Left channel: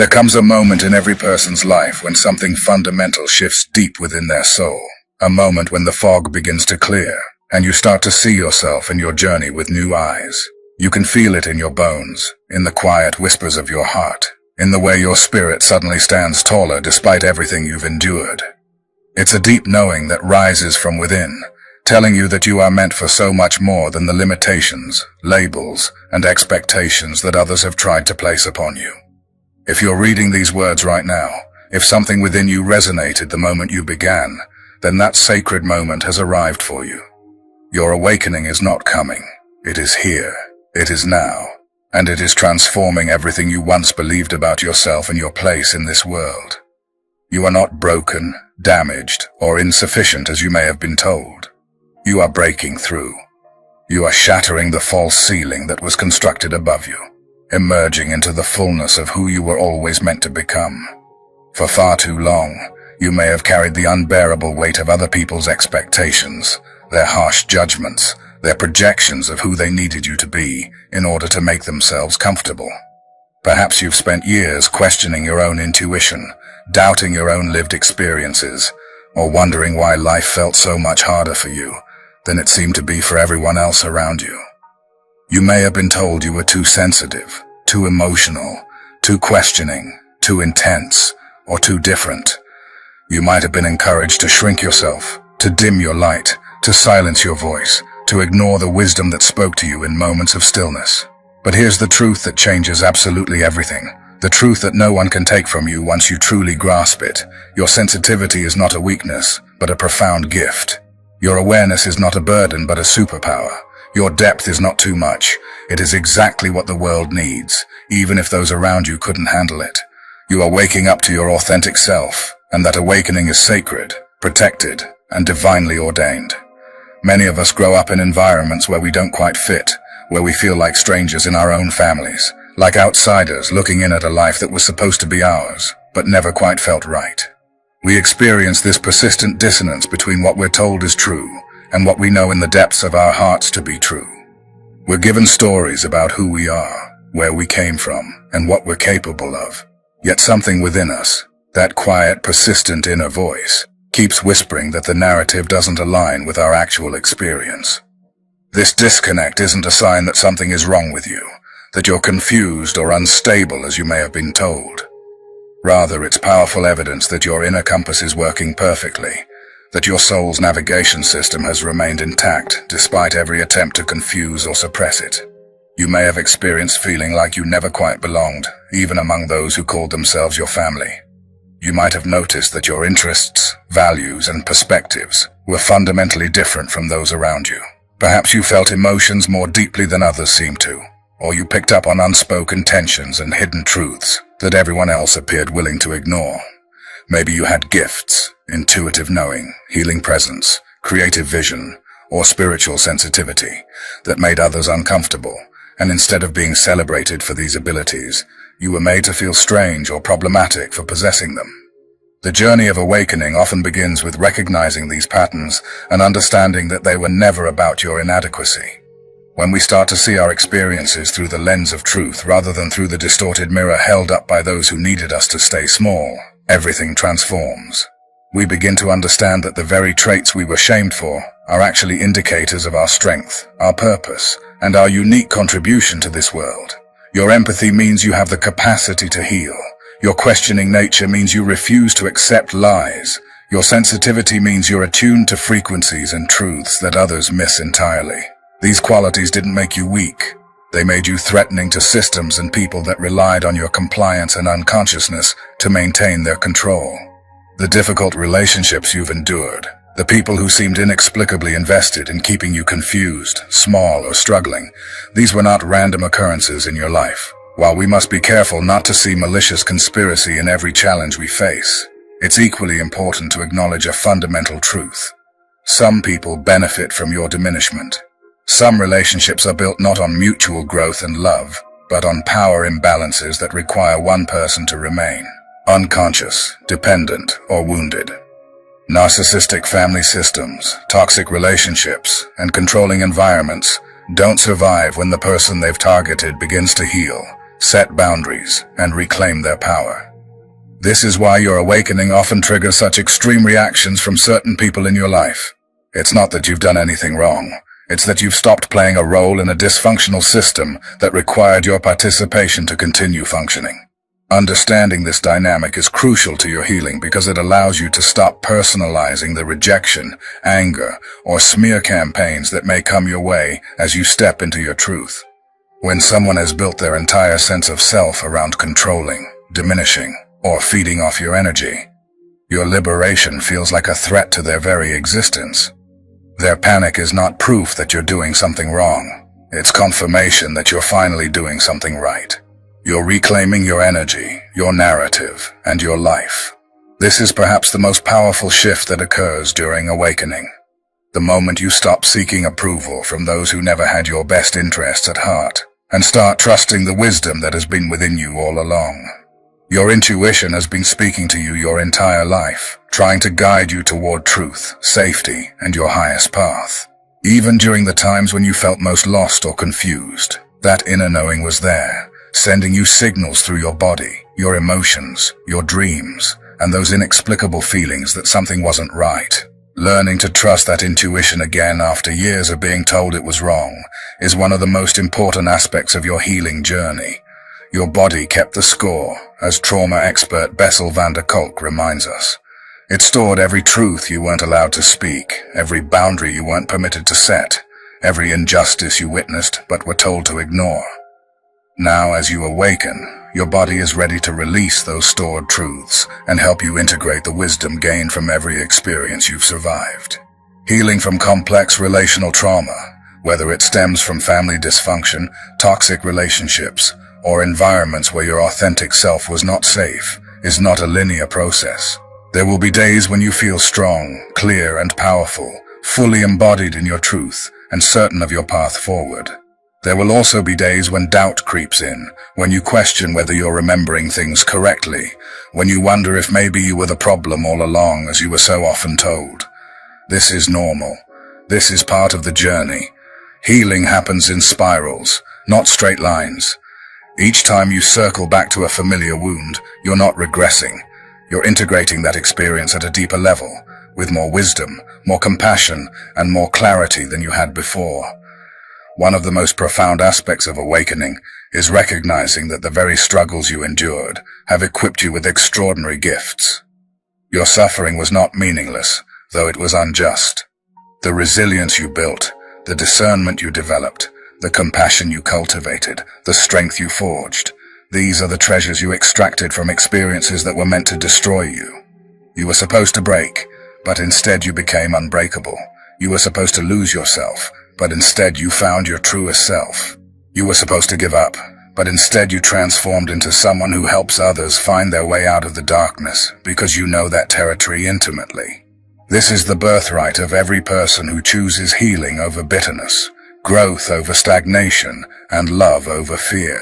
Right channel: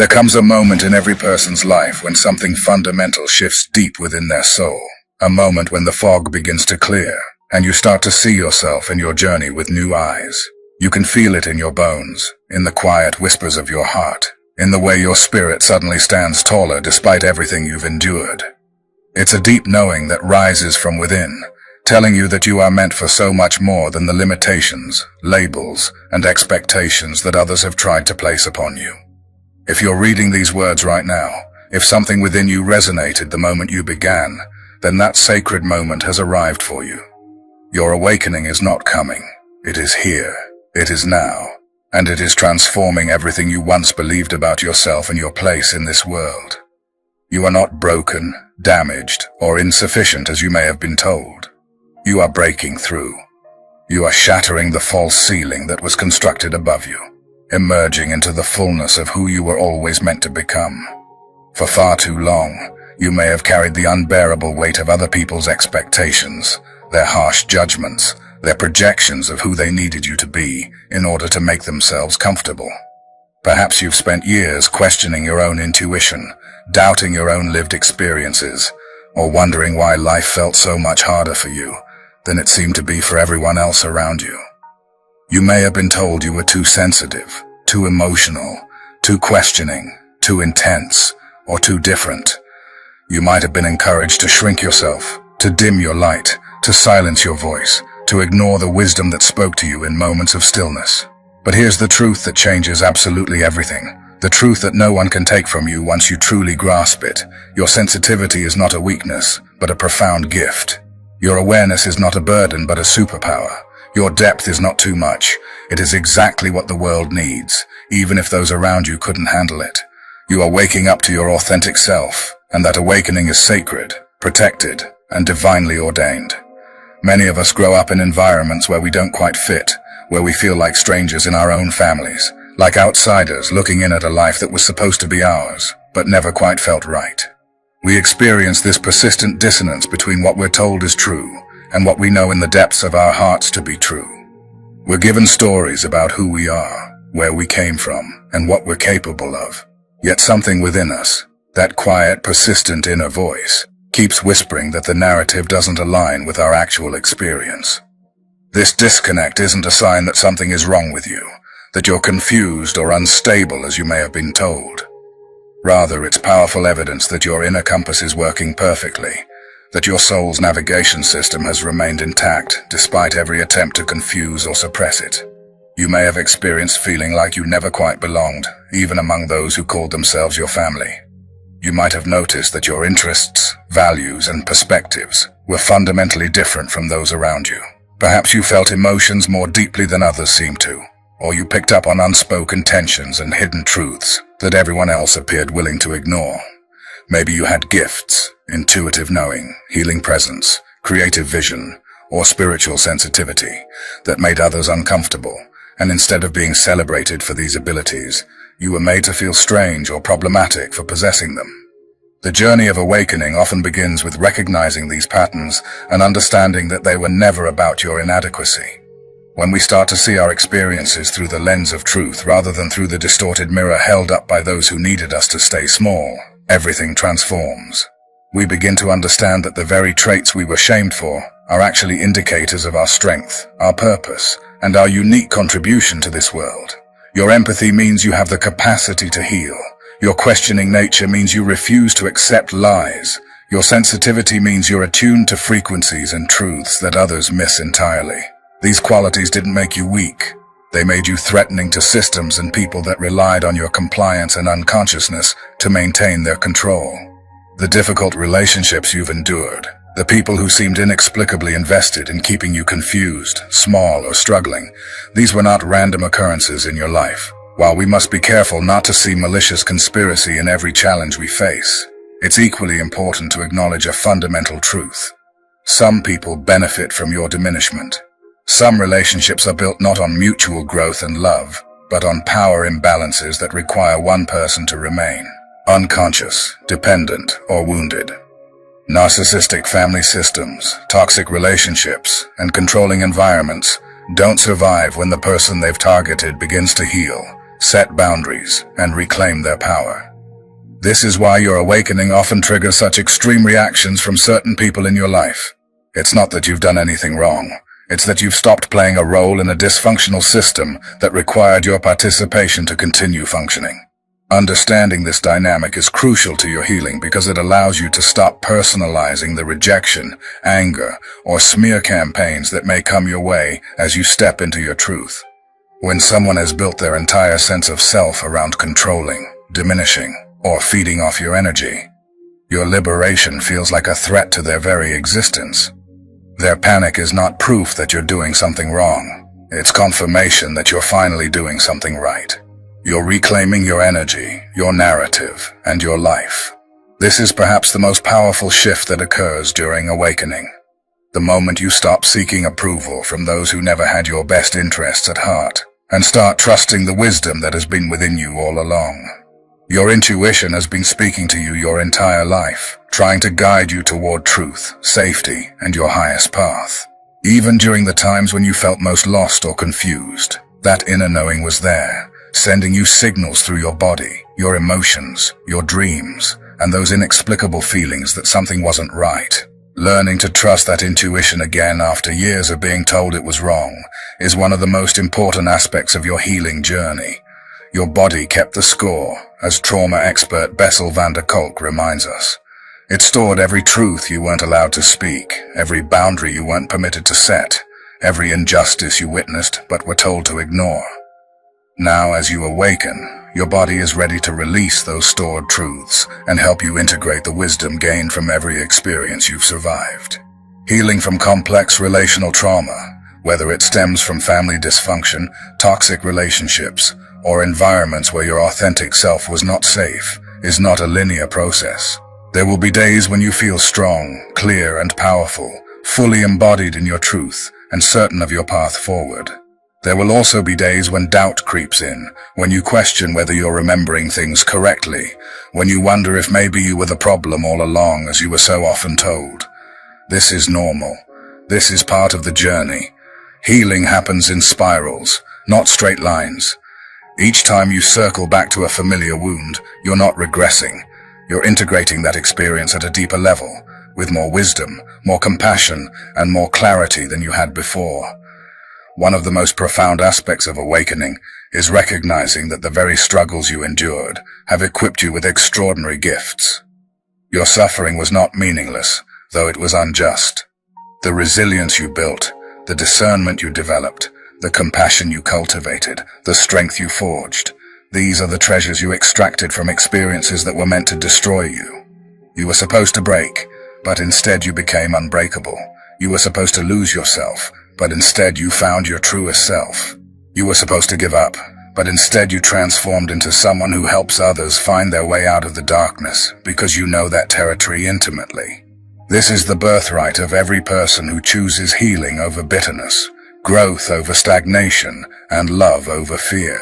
There comes a moment in every person's life when something fundamental shifts deep within their soul. A moment when the fog begins to clear, and you start to see yourself and your journey with new eyes. You can feel it in your bones, in the quiet whispers of your heart, in the way your spirit suddenly stands taller despite everything you've endured. It's a deep knowing that rises from within, telling you that you are meant for so much more than the limitations, labels, and expectations that others have tried to place upon you. If you're reading these words right now, if something within you resonated the moment you began, then that sacred moment has arrived for you. Your awakening is not coming. It is here. It is now. And it is transforming everything you once believed about yourself and your place in this world. You are not broken, damaged, or insufficient as you may have been told. You are breaking through. You are shattering the false ceiling that was constructed above you, emerging into the fullness of who you were always meant to become. For far too long, you may have carried the unbearable weight of other people's expectations, their harsh judgments, their projections of who they needed you to be in order to make themselves comfortable. Perhaps you've spent years questioning your own intuition, doubting your own lived experiences, or wondering why life felt so much harder for you than it seemed to be for everyone else around you. You may have been told you were too sensitive, too emotional, too questioning, too intense, or too different. You might have been encouraged to shrink yourself, to dim your light, to silence your voice, to ignore the wisdom that spoke to you in moments of stillness. But here's the truth that changes absolutely everything. The truth that no one can take from you once you truly grasp it. Your sensitivity is not a weakness, but a profound gift. Your awareness is not a burden, but a superpower. Your depth is not too much. It is exactly what the world needs, even if those around you couldn't handle it. You are waking up to your authentic self, and that awakening is sacred, protected, and divinely ordained. Many of us grow up in environments where we don't quite fit, where we feel like strangers in our own families, like outsiders looking in at a life that was supposed to be ours, but never quite felt right. We experience this persistent dissonance between what we're told is true and what we know in the depths of our hearts to be true. We're given stories about who we are, where we came from, and what we're capable of. Yet something within us, that quiet, persistent inner voice, keeps whispering that the narrative doesn't align with our actual experience. This disconnect isn't a sign that something is wrong with you, that you're confused or unstable as you may have been told. Rather, it's powerful evidence that your inner compass is working perfectly, that your soul's navigation system has remained intact despite every attempt to confuse or suppress it. You may have experienced feeling like you never quite belonged, even among those who called themselves your family. You might have noticed that your interests, values, and perspectives were fundamentally different from those around you. Perhaps you felt emotions more deeply than others seemed to, or you picked up on unspoken tensions and hidden truths that everyone else appeared willing to ignore. Maybe you had gifts, intuitive knowing, healing presence, creative vision, or spiritual sensitivity that made others uncomfortable, and instead of being celebrated for these abilities, you were made to feel strange or problematic for possessing them. The journey of awakening often begins with recognizing these patterns and understanding that they were never about your inadequacy. When we start to see our experiences through the lens of truth rather than through the distorted mirror held up by those who needed us to stay small, everything transforms. We begin to understand that the very traits we were shamed for are actually indicators of our strength, our purpose, and our unique contribution to this world. Your empathy means you have the capacity to heal. Your questioning nature means you refuse to accept lies. Your sensitivity means you're attuned to frequencies and truths that others miss entirely. These qualities didn't make you weak. They made you threatening to systems and people that relied on your compliance and unconsciousness to maintain their control. The difficult relationships you've endured, the people who seemed inexplicably invested in keeping you confused, small, or struggling, these were not random occurrences in your life. While we must be careful not to see malicious conspiracy in every challenge we face, it's equally important to acknowledge a fundamental truth. Some people benefit from your diminishment. Some relationships are built not on mutual growth and love, but on power imbalances that require one person to remain unconscious, dependent, or wounded. Narcissistic family systems, toxic relationships, and controlling environments don't survive when the person they've targeted begins to heal. set boundaries, and reclaim their power. This is why your awakening often triggers such extreme reactions from certain people in your life. It's not that you've done anything wrong. It's that you've stopped playing a role in a dysfunctional system that required your participation to continue functioning. Understanding this dynamic is crucial to your healing because it allows you to stop personalizing the rejection, anger, or smear campaigns that may come your way as you step into your truth. When someone has built their entire sense of self around controlling, diminishing, or feeding off your energy, your liberation feels like a threat to their very existence. Their panic is not proof that you're doing something wrong. It's confirmation that you're finally doing something right. You're reclaiming your energy, your narrative, and your life. This is perhaps the most powerful shift that occurs during awakening. The moment you stop seeking approval from those who never had your best interests at heart, and start trusting the wisdom that has been within you all along. Your intuition has been speaking to you your entire life, trying to guide you toward truth, safety, and your highest path. Even during the times when you felt most lost or confused, that inner knowing was there, sending you signals through your body, your emotions, your dreams, and those inexplicable feelings that something wasn't right. Learning to trust that intuition again after years of being told it was wrong is one of the most important aspects of your healing journey. Your body kept the score, as trauma expert Bessel van der Kolk reminds us. It stored every truth you weren't allowed to speak, every boundary you weren't permitted to set, every injustice you witnessed but were told to ignore. Now, as you awaken, your body is ready to release those stored truths and help you integrate the wisdom gained from every experience you've survived. Healing from complex relational trauma, whether it stems from family dysfunction, toxic relationships, or environments where your authentic self was not safe, is not a linear process. There will be days when you feel strong, clear, and powerful, fully embodied in your truth and certain of your path forward. There will also be days when doubt creeps in, when you question whether you're remembering things correctly, when you wonder if maybe you were the problem all along as you were so often told. This is normal. This is part of the journey. Healing happens in spirals, not straight lines. Each time you circle back to a familiar wound, you're not regressing. You're integrating that experience at a deeper level, with more wisdom, more compassion, and more clarity than you had before. One of the most profound aspects of awakening is recognizing that the very struggles you endured have equipped you with extraordinary gifts. Your suffering was not meaningless, though it was unjust. The resilience you built, the discernment you developed, the compassion you cultivated, the strength you forged, these are the treasures you extracted from experiences that were meant to destroy you. You were supposed to break, but instead you became unbreakable. You were supposed to lose yourself, but instead you found your truest self. You were supposed to give up, but instead you transformed into someone who helps others find their way out of the darkness, because you know that territory intimately. This is the birthright of every person who chooses healing over bitterness, growth over stagnation, and love over fear.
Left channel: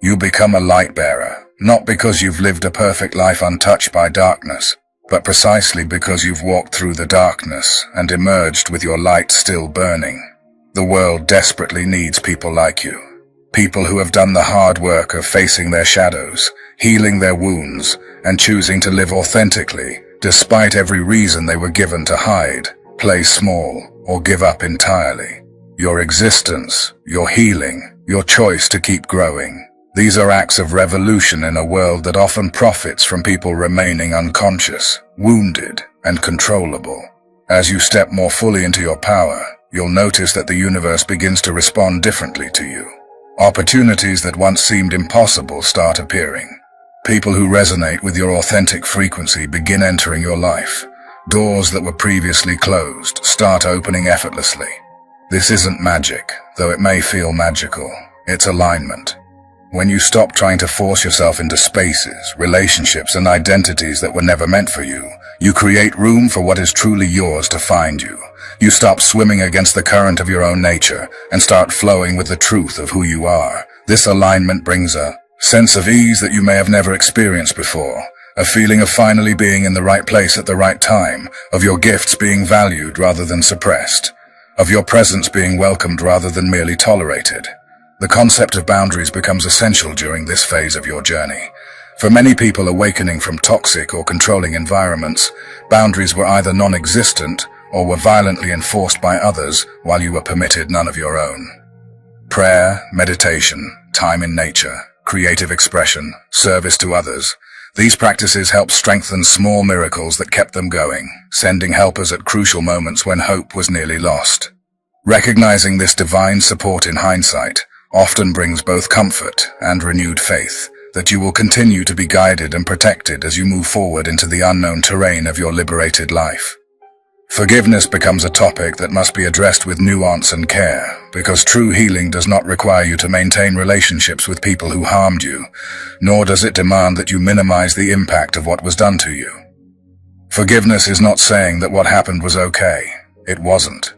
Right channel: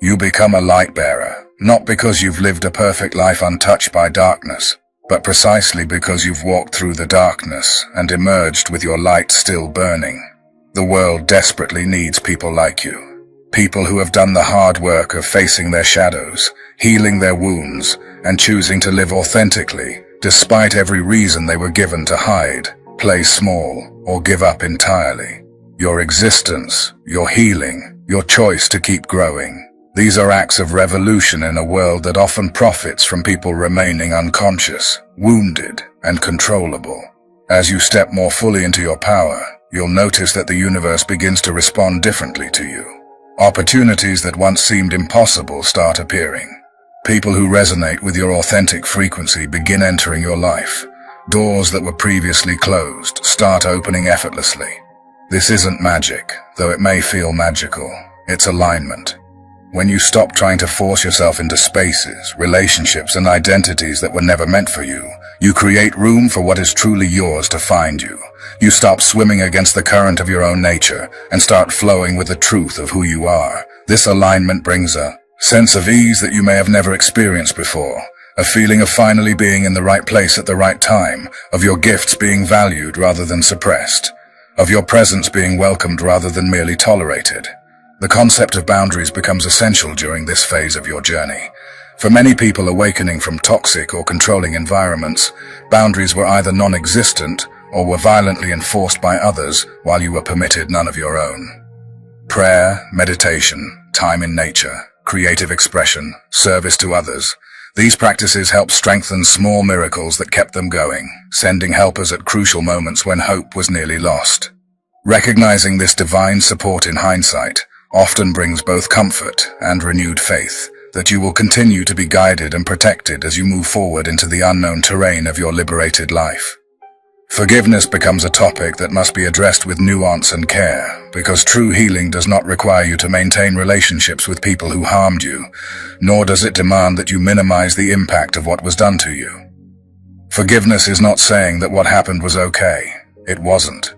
You become a light bearer, not because you've lived a perfect life untouched by darkness, but precisely because you've walked through the darkness and emerged with your light still burning. The world desperately needs people like you. People who have done the hard work of facing their shadows, healing their wounds, and choosing to live authentically, despite every reason they were given to hide, play small, or give up entirely. Your existence, your healing, your choice to keep growing. These are acts of revolution in a world that often profits from people remaining unconscious, wounded, and controllable. As you step more fully into your power, you'll notice that the universe begins to respond differently to you. Opportunities that once seemed impossible start appearing. People who resonate with your authentic frequency begin entering your life. Doors that were previously closed start opening effortlessly. This isn't magic, though it may feel magical. It's alignment. When you stop trying to force yourself into spaces, relationships, and identities that were never meant for you, you create room for what is truly yours to find you. You stop swimming against the current of your own nature and start flowing with the truth of who you are. This alignment brings a sense of ease that you may have never experienced before, a feeling of finally being in the right place at the right time, of your gifts being valued rather than suppressed, of your presence being welcomed rather than merely tolerated. The concept of boundaries becomes essential during this phase of your journey. For many people awakening from toxic or controlling environments, boundaries were either non-existent or were violently enforced by others while you were permitted none of your own. Prayer, meditation, time in nature, creative expression, service to others. These practices helped strengthen small miracles that kept them going, sending helpers at crucial moments when hope was nearly lost. Recognizing this divine support in hindsight often brings both comfort and renewed faith that you will continue to be guided and protected as you move forward into the unknown terrain of your liberated life. Forgiveness becomes a topic that must be addressed with nuance and care, because true healing does not require you to maintain relationships with people who harmed you, nor does it demand that you minimize the impact of what was done to you. Forgiveness is not saying that what happened was okay. It wasn't.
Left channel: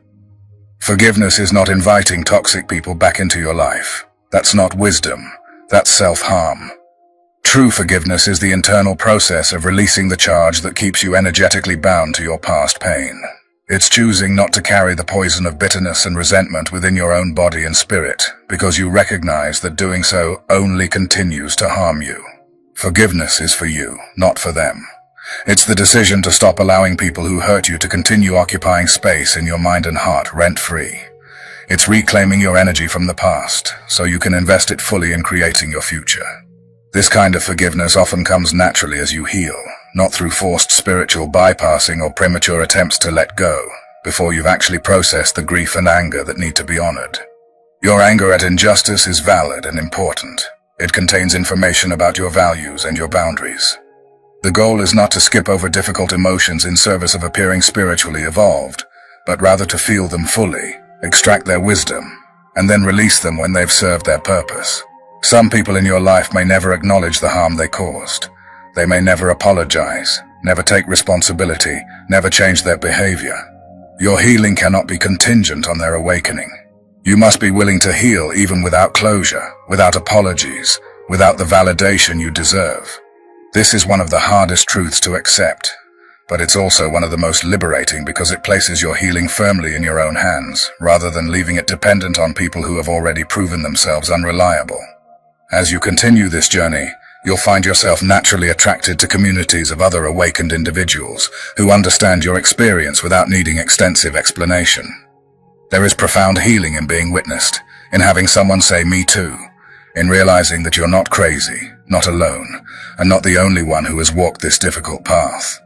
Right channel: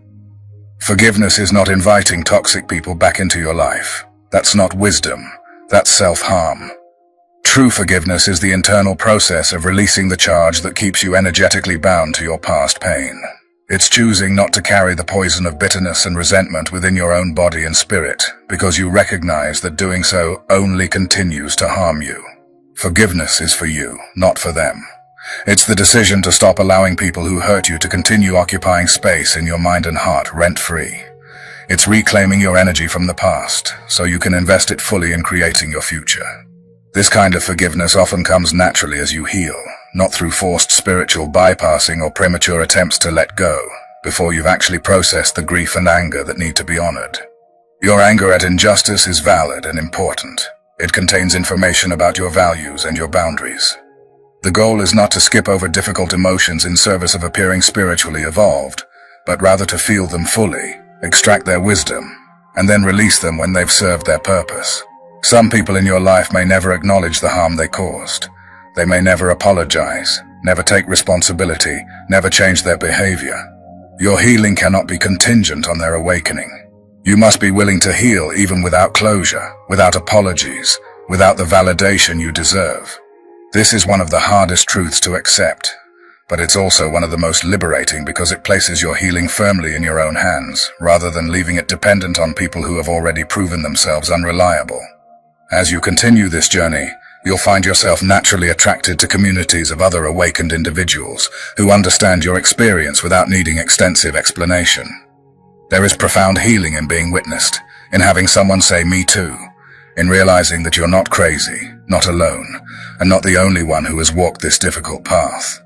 Forgiveness is not inviting toxic people back into your life. That's not wisdom. That's self-harm. True forgiveness is the internal process of releasing the charge that keeps you energetically bound to your past pain. It's choosing not to carry the poison of bitterness and resentment within your own body and spirit, because you recognize that doing so only continues to harm you. Forgiveness is for you, not for them. It's the decision to stop allowing people who hurt you to continue occupying space in your mind and heart rent-free. It's reclaiming your energy from the past, so you can invest it fully in creating your future. This kind of forgiveness often comes naturally as you heal, not through forced spiritual bypassing or premature attempts to let go, before you've actually processed the grief and anger that need to be honored. Your anger at injustice is valid and important. It contains information about your values and your boundaries. The goal is not to skip over difficult emotions in service of appearing spiritually evolved, but rather to feel them fully, extract their wisdom, and then release them when they've served their purpose. Some people in your life may never acknowledge the harm they caused. They may never apologize, never take responsibility, never change their behavior. Your healing cannot be contingent on their awakening. You must be willing to heal even without closure, without apologies, without the validation you deserve. This is one of the hardest truths to accept, but it's also one of the most liberating because it places your healing firmly in your own hands, rather than leaving it dependent on people who have already proven themselves unreliable. As you continue this journey, you'll find yourself naturally attracted to communities of other awakened individuals who understand your experience without needing extensive explanation. There is profound healing in being witnessed, in having someone say, "Me too," in realizing that you're not crazy, not alone, and not the only one who has walked this difficult path.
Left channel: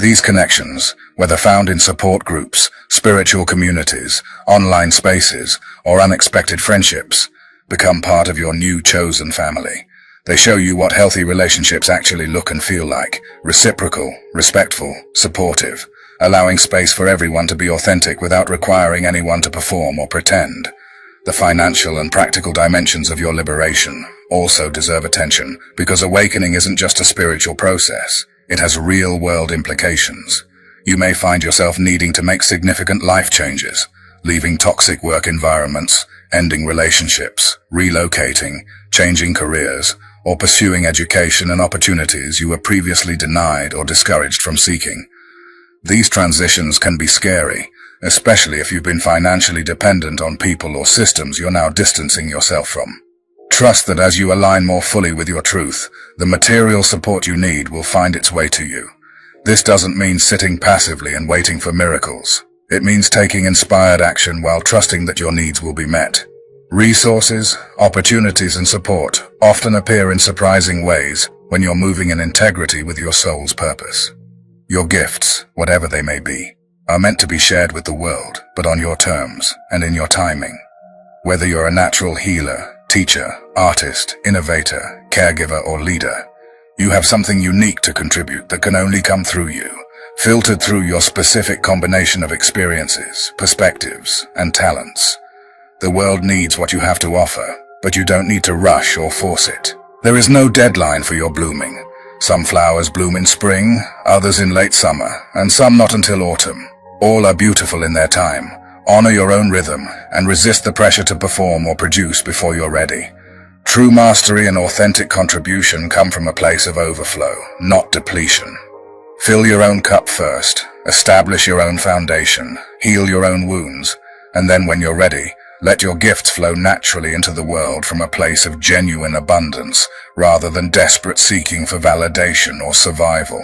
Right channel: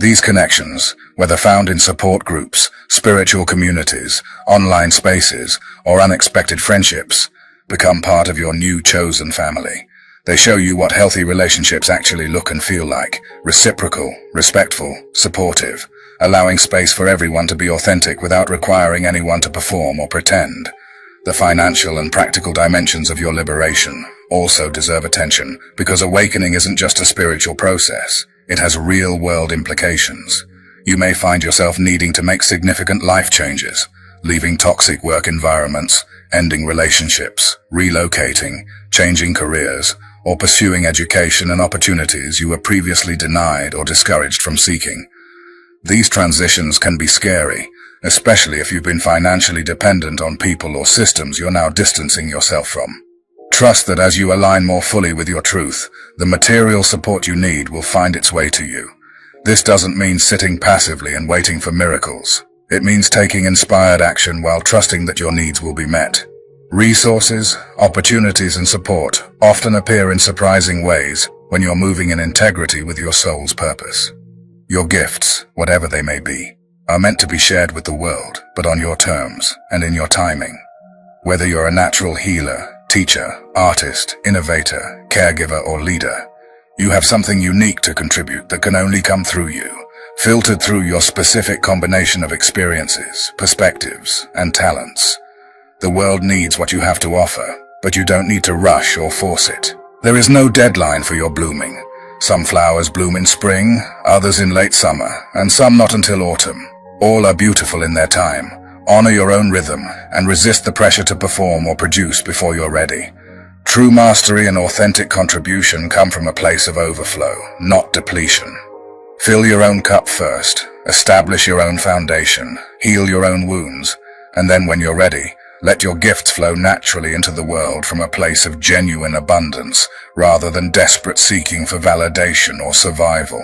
These connections, whether found in support groups, spiritual communities, online spaces, or unexpected friendships, become part of your new chosen family. They show you what healthy relationships actually look and feel like: reciprocal, respectful, supportive, allowing space for everyone to be authentic without requiring anyone to perform or pretend. The financial and practical dimensions of your liberation also deserve attention, because awakening isn't just a spiritual process. It has real-world implications. You may find yourself needing to make significant life changes, leaving toxic work environments, ending relationships, relocating, changing careers, or pursuing education and opportunities you were previously denied or discouraged from seeking. These transitions can be scary, especially if you've been financially dependent on people or systems you're now distancing yourself from. Trust that as you align more fully with your truth, the material support you need will find its way to you. This doesn't mean sitting passively and waiting for miracles. It means taking inspired action while trusting that your needs will be met. Resources, opportunities, and support often appear in surprising ways when you're moving in integrity with your soul's purpose. Your gifts, whatever they may be, are meant to be shared with the world, but on your terms and in your timing. Whether you're a natural healer, teacher, artist, innovator, caregiver, or leader, you have something unique to contribute that can only come through you, filtered through your specific combination of experiences, perspectives, and talents. The world needs what you have to offer, but you don't need to rush or force it. There is no deadline for your blooming. Some flowers bloom in spring, others in late summer, and some not until autumn. All are beautiful in their time. Honor your own rhythm, and resist the pressure to perform or produce before you're ready. True mastery and authentic contribution come from a place of overflow, not depletion. Fill your own cup first, establish your own foundation, heal your own wounds, and then when you're ready, Let your gifts flow naturally into the world from a place of genuine abundance, rather than desperate seeking for validation or survival.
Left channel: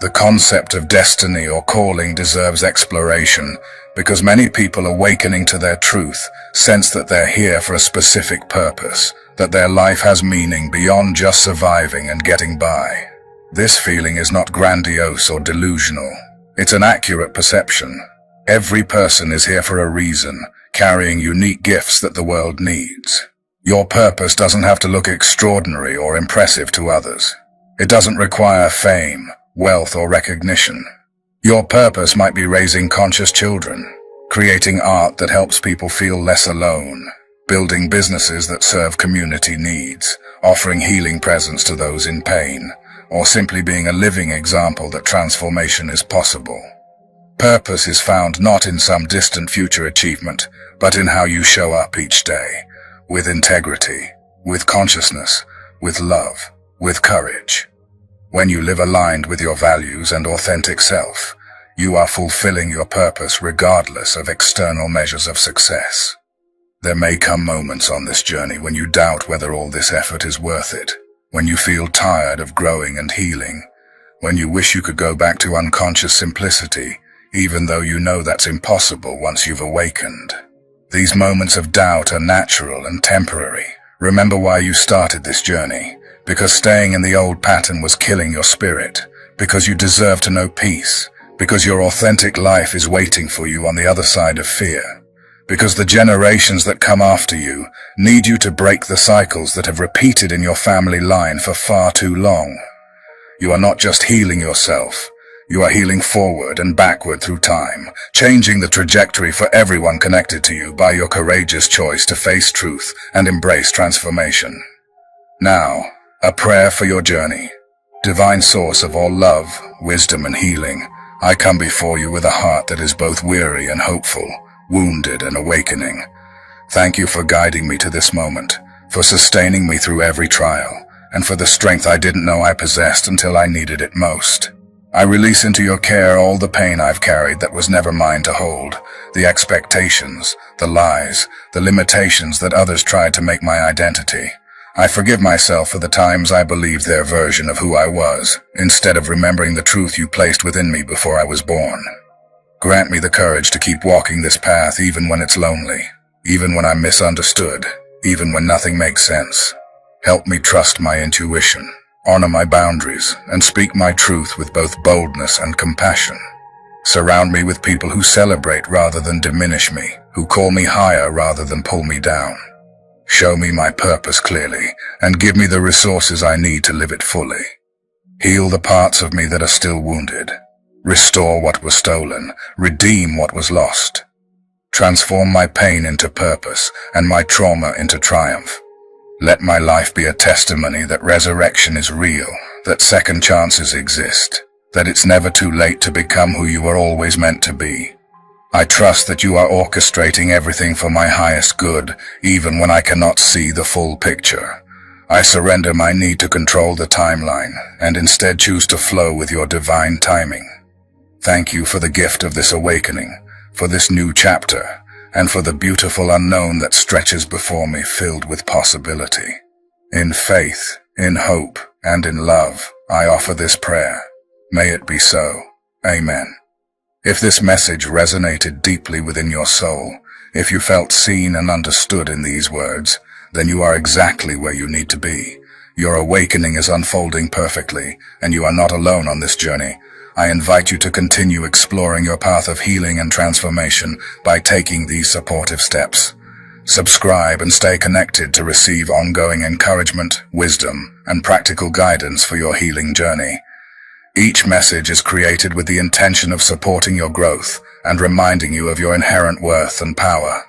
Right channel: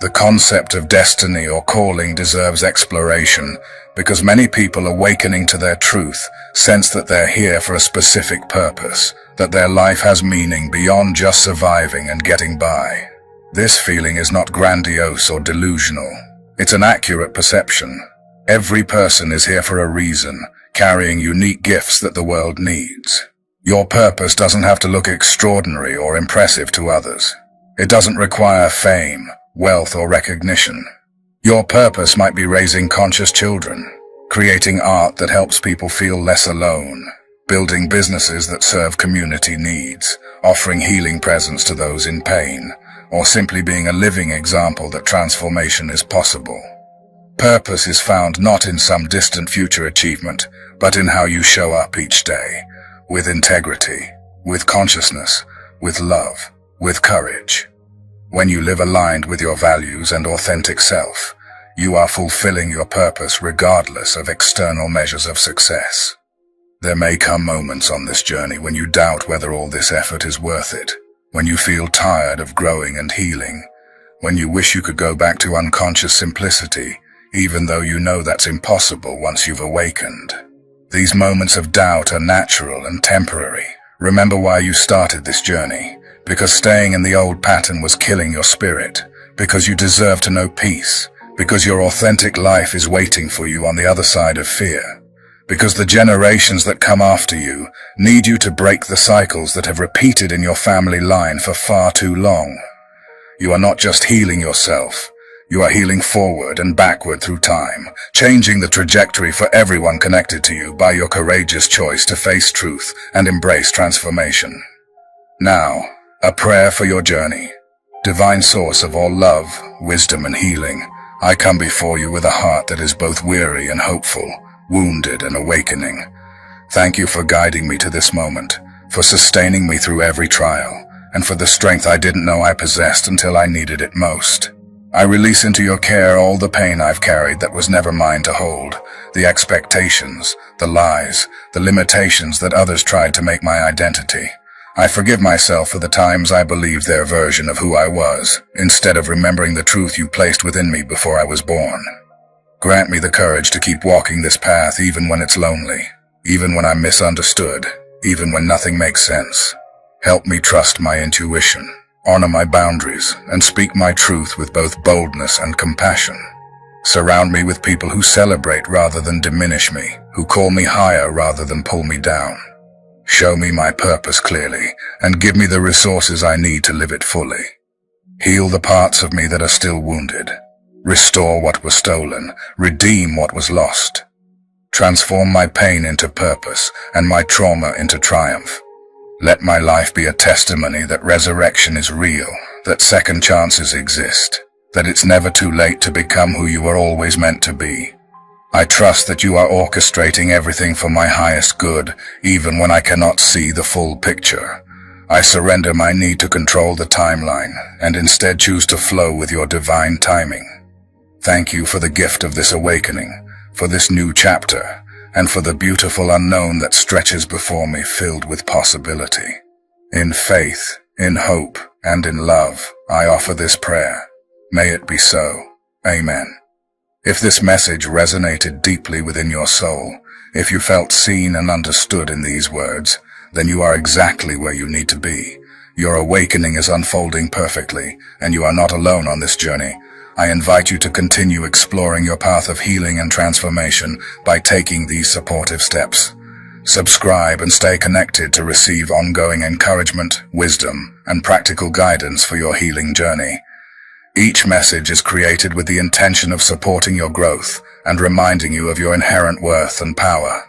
The concept of destiny or calling deserves exploration, because many people awakening to their truth sense that they're here for a specific purpose, that their life has meaning beyond just surviving and getting by. This feeling is not grandiose or delusional. It's an accurate perception. Every person is here for a reason, carrying unique gifts that the world needs. Your purpose doesn't have to look extraordinary or impressive to others. It doesn't require fame, wealth, or recognition. Your purpose might be raising conscious children, creating art that helps people feel less alone, building businesses that serve community needs, offering healing presence to those in pain, or simply being a living example that transformation is possible. Purpose is found not in some distant future achievement, but in how you show up each day, with integrity, with consciousness, with love, with courage. When you live aligned with your values and authentic self, you are fulfilling your purpose regardless of external measures of success. There may come moments on this journey when you doubt whether all this effort is worth it, when you feel tired of growing and healing, when you wish you could go back to unconscious simplicity, even though you know that's impossible once you've awakened. These moments of doubt are natural and temporary. Remember why you started this journey, because staying in the old pattern was killing your spirit, because you deserve to know peace, because your authentic life is waiting for you on the other side of fear, because the generations that come after you need you to break the cycles that have repeated in your family line for far too long. You are not just healing yourself, you are healing forward and backward through time, changing the trajectory for everyone connected to you by your courageous choice to face truth and embrace transformation. Now, a prayer for your journey. Divine source of all love, wisdom, and healing, I come before you with a heart that is both weary and hopeful, wounded and awakening. Thank you for guiding me to this moment, for sustaining me through every trial, and for the strength I didn't know I possessed until I needed it most. I release into your care all the pain I've carried that was never mine to hold, the expectations, the lies, the limitations that others tried to make my identity. I forgive myself for the times I believed their version of who I was, instead of remembering the truth you placed within me before I was born. Grant me the courage to keep walking this path even when it's lonely, even when I'm misunderstood, even when nothing makes sense. Help me trust my intuition, honor my boundaries, and speak my truth with both boldness and compassion. Surround me with people who celebrate rather than diminish me, who call me higher rather than pull me down. Show me my purpose clearly, and give me the resources I need to live it fully. Heal the parts of me that are still wounded. Restore what was stolen, redeem what was lost. Transform my pain into purpose, and my trauma into triumph. Let my life be a testimony that resurrection is real, that second chances exist, that it's never too late to become who you were always meant to be. I trust that you are orchestrating everything for my highest good, even when I cannot see the full picture. I surrender my need to control the timeline, and instead choose to flow with your divine timing. Thank you for the gift of this awakening, for this new chapter, and for the beautiful unknown that stretches before me filled with possibility. In faith, in hope, and in love, I offer this prayer. May it be so. Amen. If this message resonated deeply within your soul, if you felt seen and understood in these words, then you are exactly where you need to be. Your awakening is unfolding perfectly, and you are not alone on this journey. I invite you to continue exploring your path of healing and transformation by taking these supportive steps. Subscribe and stay connected to receive ongoing encouragement, wisdom, and practical guidance for your healing journey. Each message is created with the intention of supporting your growth and reminding you of your inherent worth and power.